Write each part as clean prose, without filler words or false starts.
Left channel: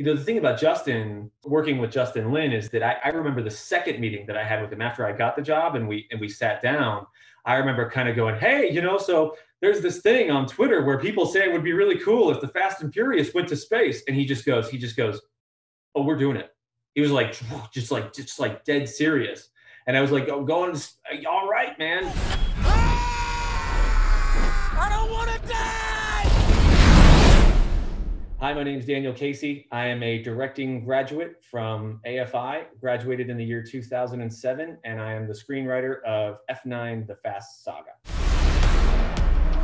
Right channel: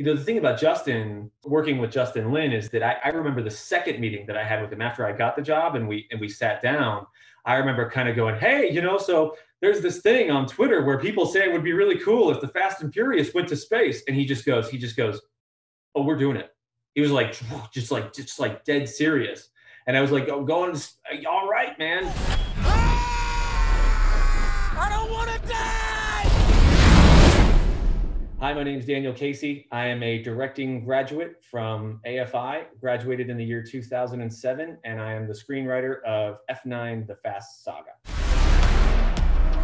The thing about Justin, working with Justin Lin, is that I remember the second meeting that I had with him after I got the job and we sat down. I remember kind of going, hey, so there's this thing on Twitter where people say it would be really cool if the Fast and Furious went to space. And he just goes, oh, we're doing it. He was like, just like dead serious. And I was like, oh, going, all right, man. I don't want to die. Hi, my name is Daniel Casey. I am a directing graduate from AFI, graduated in the year 2007, and I am the screenwriter of F9, The Fast Saga.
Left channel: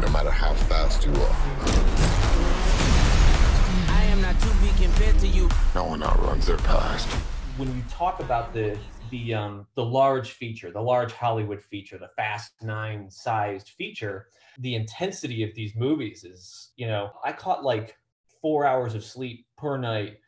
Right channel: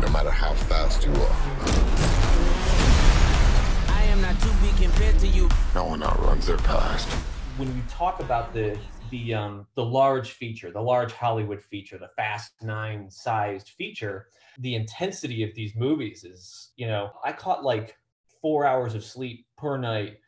No matter how fast you are, I am not to be compared to you. no one outruns their past. When you talk about the large feature, the large Hollywood feature, the Fast 9 sized feature, the intensity of these movies is, I caught like 4 hours of sleep per night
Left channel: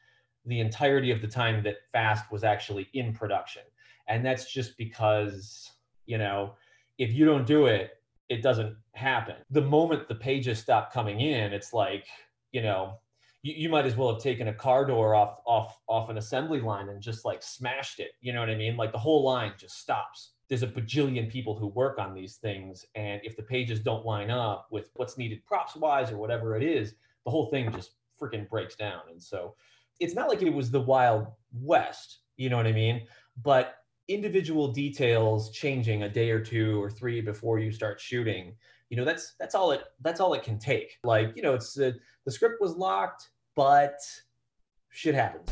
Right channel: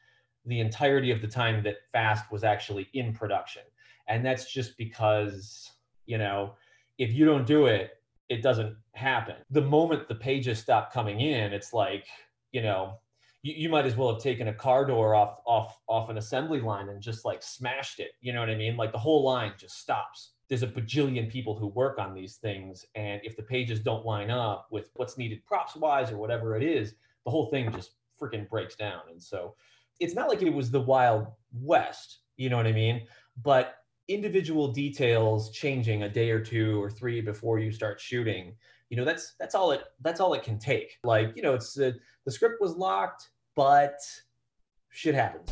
the entirety of the time that Fast was actually in production. And that's just because, if you don't do it, it doesn't happen. The moment the pages stop coming in, it's like, you might as well have taken a car door off an assembly line and just like smashed it. You know what I mean? Like the whole line just stops. There's a bajillion people who work on these things. And if the pages don't line up with what's needed props wise or whatever it is, the whole thing just freaking breaks down. And so it's not like it was the Wild West, you know what I mean? But individual details changing a day or two or three before you start shooting, that's all it can take. Like, it's the script was locked, but shit happens.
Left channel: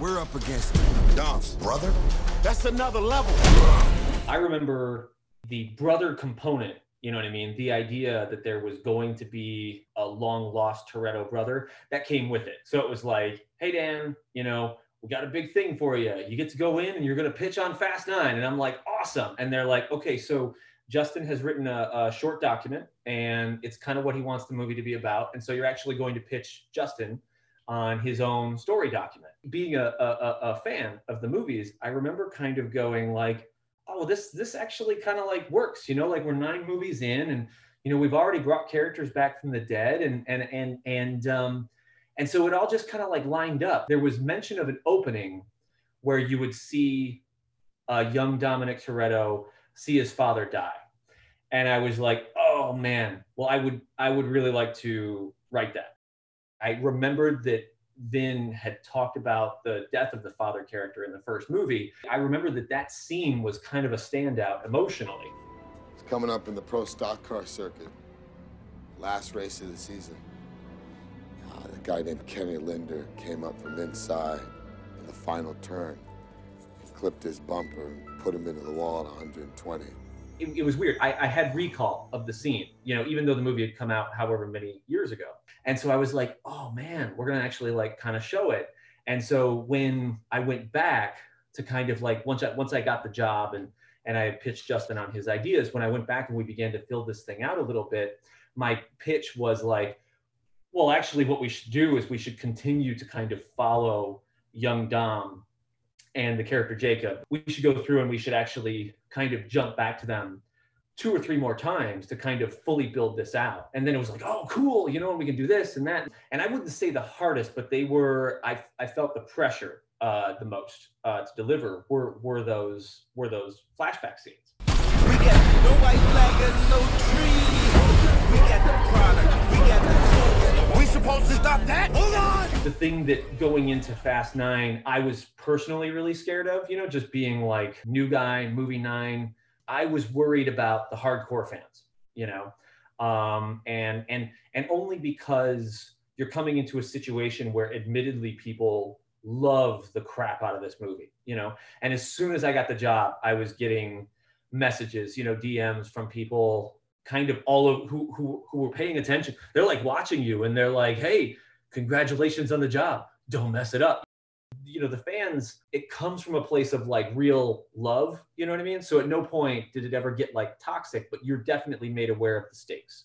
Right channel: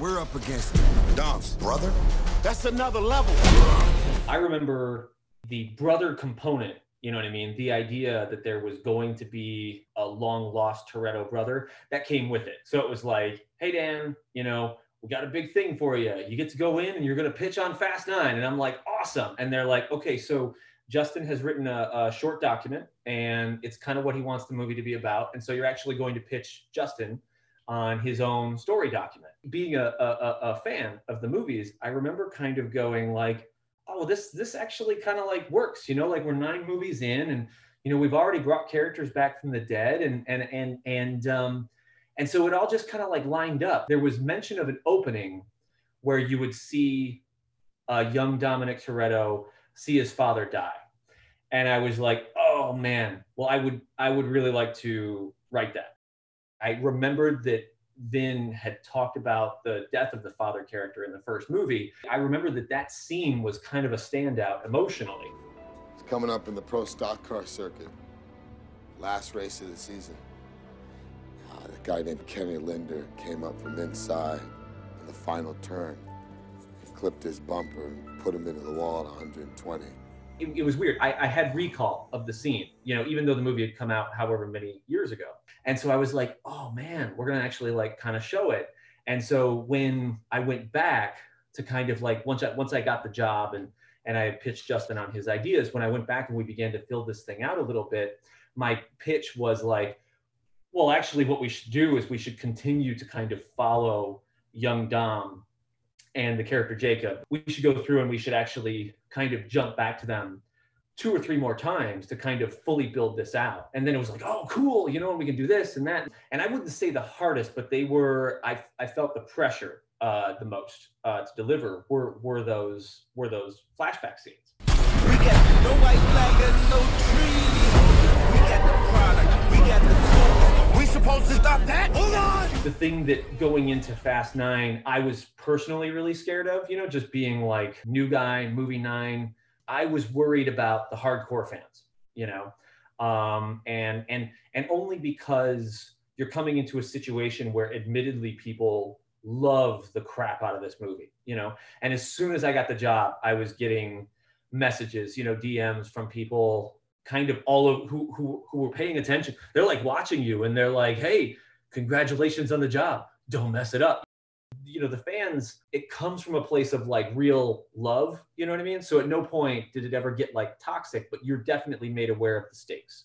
We're up against it. Dom's brother? That's another level. I remember the brother component. You know what I mean? The idea that there was going to be a long lost Toretto brother that came with it. So it was like, hey, Dan, we got a big thing for you. You get to go in and you're going to pitch on Fast 9. And I'm like, awesome. And they're like, okay, so Justin has written a short document and it's kind of what he wants the movie to be about. And so you're actually going to pitch Justin on his own story document. Being a fan of the movies, I remember kind of going like, oh, this actually kind of like works, like we're 9 movies in and, we've already brought characters back from the dead and so it all just kind of like lined up. There was mention of an opening where you would see young Dominic Toretto see his father die. And I was like, oh man, well, I would really like to write that. I remembered that Vin had talked about the death of the father character in the first movie. I remember that scene was kind of a standout emotionally. It's coming up in the pro stock car circuit. Last race of the season. The guy named Kenny Linder came up from inside in the final turn. He clipped his bumper and put him into the wall at 120. It was weird. I had recall of the scene, even though the movie had come out however many years ago. And so I was like, oh man, we're going to actually like kind of show it. And so when I went back to kind of like, once I got the job and I had pitched Justin on his ideas, when I went back and we began to fill this thing out a little bit, my pitch was like, well, actually what we should do is we should continue to kind of follow young Dom and the character Jacob. We should go through and we should actually kind of jump back to them 2 or 3 more times to kind of fully build this out. And then it was like, oh, cool, and we can do this and that. And I wouldn't say the hardest, but they were, I felt the pressure the most to deliver were those flashback scenes. We got no white flag and no tree. We supposed to stop that? Hold on! The thing that going into Fast 9, I was personally really scared of, just being like new guy, movie 9. I was worried about the hardcore fans, and only because you're coming into a situation where admittedly people love the crap out of this movie, and as soon as I got the job, I was getting messages, DMs from people kind of all of who were paying attention. They're like watching you and they're like, hey, congratulations on the job. Don't mess it up. The fans, it comes from a place of like real love, you know what I mean? So at no point did it ever get like toxic, but you're definitely made aware of the stakes,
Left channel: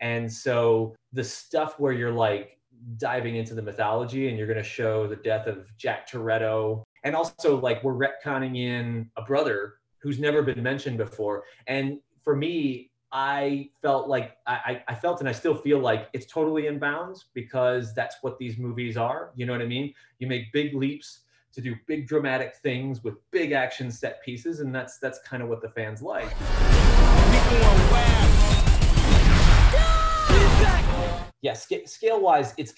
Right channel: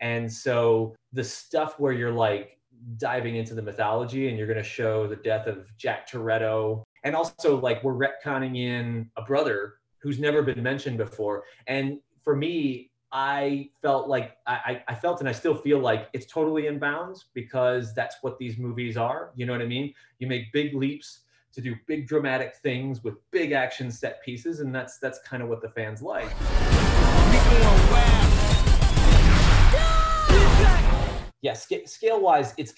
And so the stuff where you're like diving into the mythology and you're going to show the death of Jack Toretto. And also like we're retconning in a brother who's never been mentioned before. And for me, I felt like I felt, and I still feel like it's totally in bounds, because that's what these movies are. You know what I mean? You make big leaps to do big dramatic things with big action set pieces, and that's kind of what the fans like. Yeah, scale wise, it's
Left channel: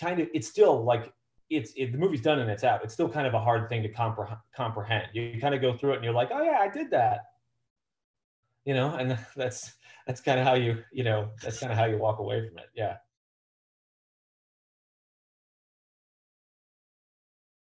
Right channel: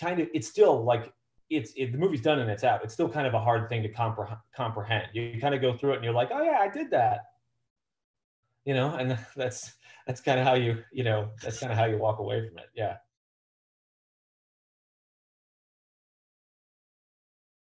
still like the movie's done and it's out. It's still kind of a hard thing to comprehend. You kind of go through it and you're like, oh yeah, I did that. And that's kind of how that's kind of how you walk away from it. Yeah.